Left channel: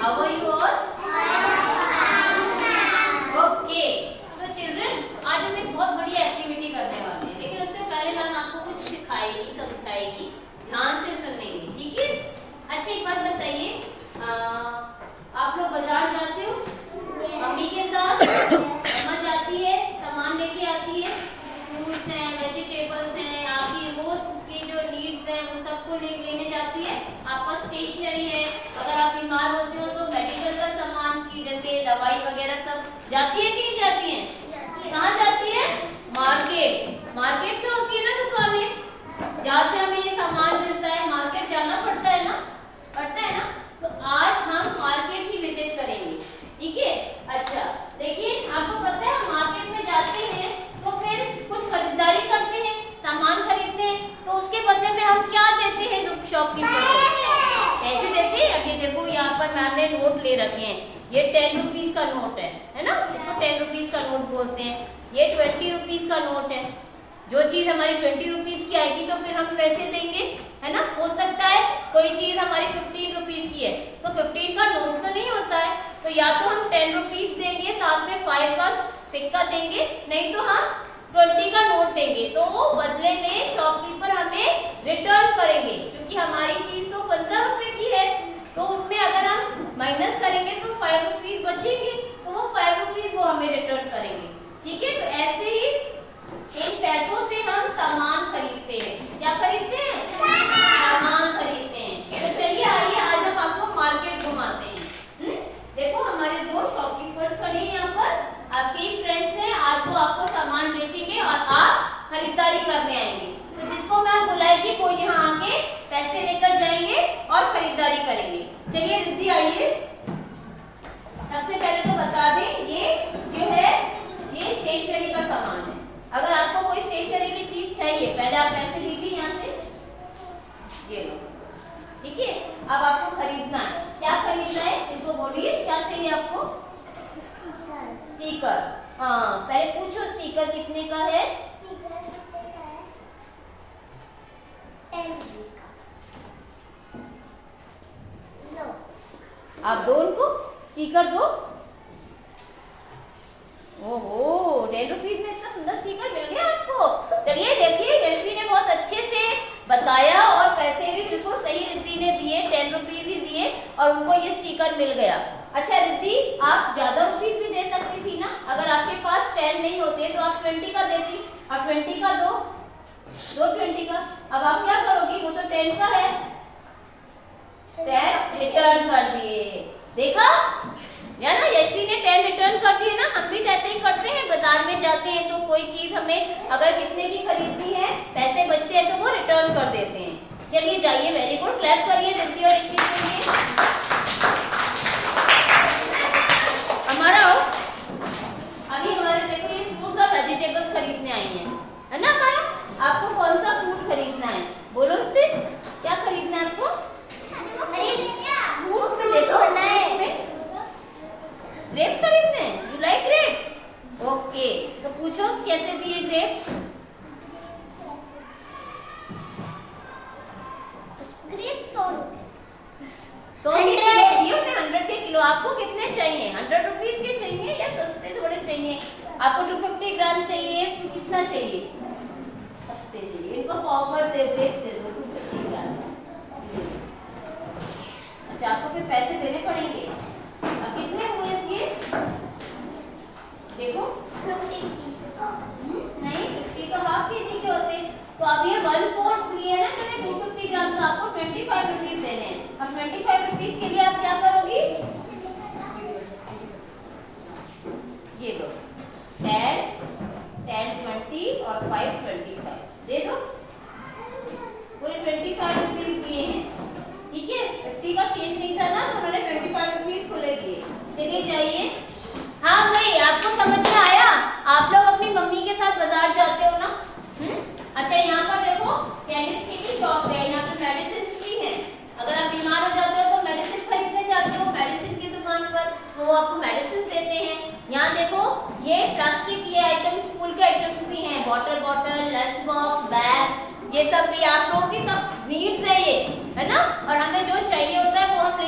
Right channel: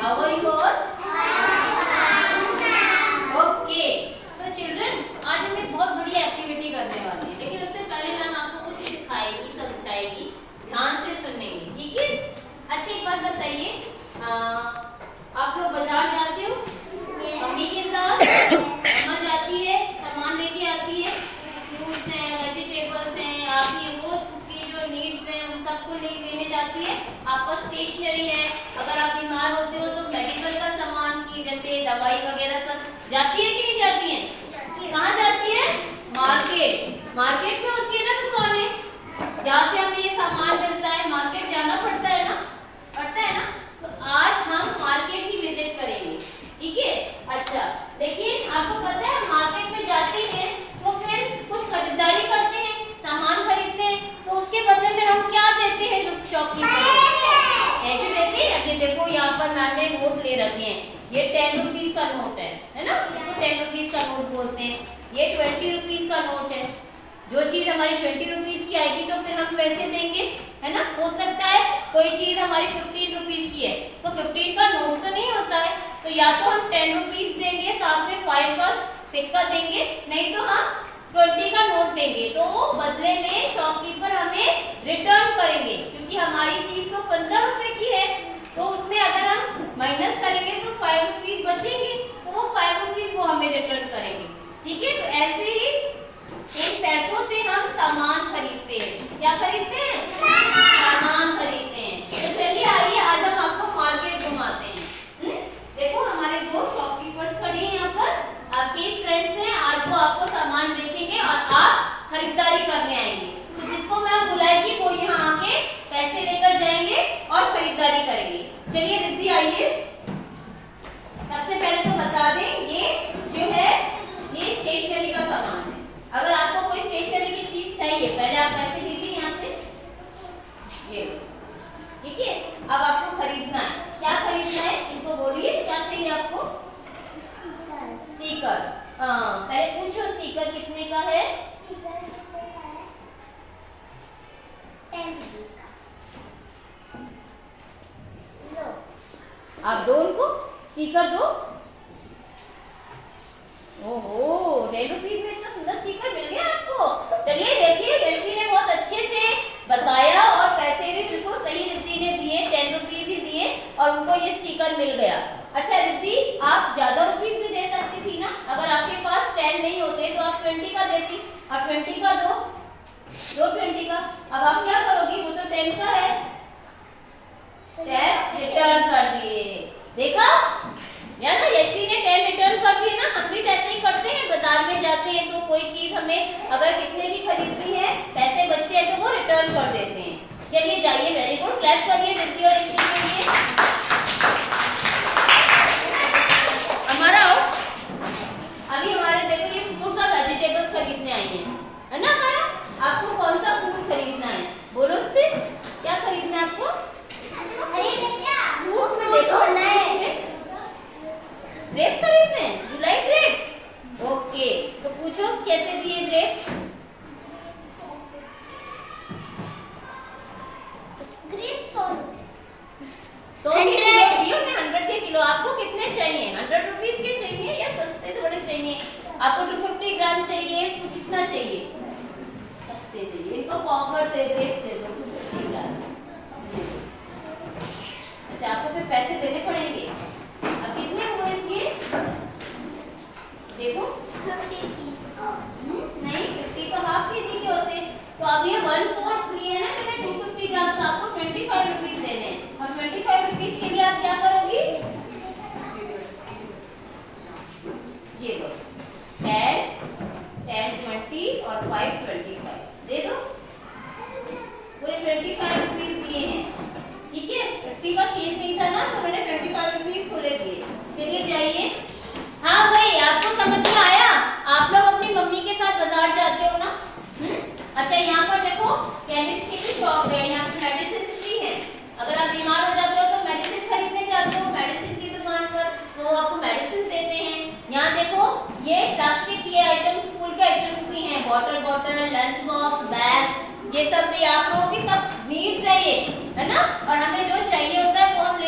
How are you all? Okay, तो children आज हम एक बहुत बढ़िया एक्टिविटी करने वाले हैं, लेकिन उससे पहले मैम आपको कुछ सिखाएगी, समझाएगी, ध्यान से सुनेंगे, ठीक है? अच्छा एक बात बताइए, आप लोग बाजार जाते हो मम्मी के साथ? मम्मा जाती है, सामान लेके आती है, फ्रूट्स हैं, वेजिटेबल्स हैं, आपकी रोज की जो नीड्स हैं उन सबको लेने जाती है। आपका स्टेशनरी है, अगर आप बीमार होते हो तो मेडिकल का सामान की जैसे दवाई वगैरह सब जाती है कि नहीं जाती है? कहाँ जाती है? मार्केट। मार्केट में होती है ना दुकानें, जहाँ से हमें ये सामान मिलता है, मार्केट जाना पड़ता है ना? पड़ता है ना? तो आज हम मार्केट ही विजिट करेंगे, ठीक है? अच्छा, लेकिन आपको पता है मार्केट में जाते हैं तो फिर कुछ खरीदारी करते हैं, सामान खरीदते हैं, तो उसके बदले में हम क्या देते हैं शॉपकीपर को? ऐसे देते हैं। ये देखो यहाँ पर मैम ने नोट ले रखे हैं, ये 10 रुपीज का नोट है ना? इसको 10 रुपीज का नोट बोलते हैं। ये 20 रुपीज का नोट है। जो चीज हमारी 20 रुपीज की आएगी तो फिर हम पैसे देंगे, है ना? हो सकता है कोई चीज हमारी 15 रुपीज की है तो 15 का नोट तो नहीं होता है, तो या तो हम 10 रुपीज देंगे, साथ में 5 का सिक्का देंगे, नहीं तो हम 20 का नोट देंगे। तो बदले में शॉपकीपर हमें रिटर्न करेंगे, क्योंकि हमारी चीज तो 15 रुपए की है, तो उसमें अगर हम माइनस करेंगे तो 5 रुपीज बचेंगे, तो वो 5 रुपीज वो हमें रिटर्न करेंगे, ठीक है? तो ऐसे ही इन पैसों से हम सामान खरीदते हैं। क्या खरीदते हैं? सामान खरीदते हैं। तो चलिए आइए आज हम आपको मार्केट घुमाते हैं। देखो हमारे दो शॉपकीपर्स खड़े हैं यहाँ पर, आपके फ्रेंड्स हैं। आज वो आपको सामान बेचेंगे और आप खरीदारी करने आएंगे। तो जिसको मैं बुलाएगी वो यहाँ आके पैसे लेकर जाएंगे और खरीदारी करेंगे। चलिए रिद्धि आइए। सबसे पहले तो बता दें, ये जो है ये स्टेशनरी का सामान है। अगर आपको कोई स्टेशनरी की चीज चाहिए, पहले आप पैसे लीजिए यहाँ से, ये ठीक है? अब आपको खरीदना है। क्या खरीदना है इनको बोलिए, क्या चाहिए आपको? स्टिकर। हाँ, पहले पूछो स्टिकर कितने का है? आप दो उनको स्टिकर दो। ओहो, 10 रुपीज में इतना सुंदर स्टिकर मिल गया आपको। चलिए देखिए, यशवी ने बहुत अच्छे से बताया और पैसे भी बिल्कुल सही रिद्धि ने दिए, 10 रुपीज ही दिए और उनको ये स्टिकर मिल गया। अच्छा रिद्धि, आप ज्यादा रुपीज भी दे सकती थी ना? अगर आपके पास 10 नहीं होते तो आप 20 का देती। आप 20 का दो 20 का। अब आप क्या करोगी? वो तो 10 का है, 10 रिटर्न कर दिए। देखा या ना, यशवी ने 10 रिटर्न कर दिए ना। हम भी तो ऐसे ही करते हैं, बाजार में जाते हैं तो कोई चीज हमें अगर कितने की खरीदनी है, पैसे बचते हैं तो वो रिटर्न कर देते हैं। चलिए जाइए, वेरी गुड, क्लैप करिए रिद्धि और यशवी के लिए। हमारा अभी हमारे देखो ये फ्रूट्स और वेजिटेबल्स खरीदने आई हैं, है ना? हमारा आपको कौन सा फ्रूट खरीदना है? बोलो उनसे, क्या खरीदना है आपको? ग्रेप्स खरीदने हैं? You like grapes? ओके, तो पूछो कैसे दिए ग्रेप्स? ग्रेप्स 100 के किलो दियो ना, 100 के किलो। आपको कितने चाहिए? 100 रुपीज के चाहिए या सस्ते थोड़े चाहिए? आपको 250 ग्राम चाहिए? कितना चाहिए? सस्ते चाहिए। इनको पॉपर दे, ग्रेप्स दे दो 250 ग्राम। अच्छा, आपको फिर पैसे देने पड़ेंगे। अब कितने हुए इसके? देखो 50 नहीं, 50 तो हाफ केजी के होते हैं, तो अब ये 1/4 लिए ना, इसलिए 250 ग्राम, तो आपको 25 रुपीज देने हैं। अब 25 रुपीज के लिए आप क्या करोगी? ये दो 10, 20 और 5 25 दे दो। पूरे 25 रुपीज दिए हैं, ठीक है? 50 का चेंज नहीं था ना, तो उन्होंने 25 रुपीज खुले दिए। चलिए जाइए। हाँ भाई, आपको समझ में आया? आप लोग अपनी मम्मी के साथ बाजार जाते हो ना? अच्छा, यहाँ पर देखो केमिस्ट्री की शॉप है, यहाँ पे मेडिसिन भी है। अगर आप बीमार हो जाते हो तो मेडिसिन खरीदने जाते हो मेडिसिन की दुकान पर, तो वो आपको मेडिसिन देते हैं। यहाँ देखो ये प्लास्टिक के आइटम्स, स्कूल के आइटम्स भी हैं, water bottle, lunch box, bag, ये सब भी आप लोगों की सब नीड्स है ये, है ना? और हमें जो चाहिए होता है वो हम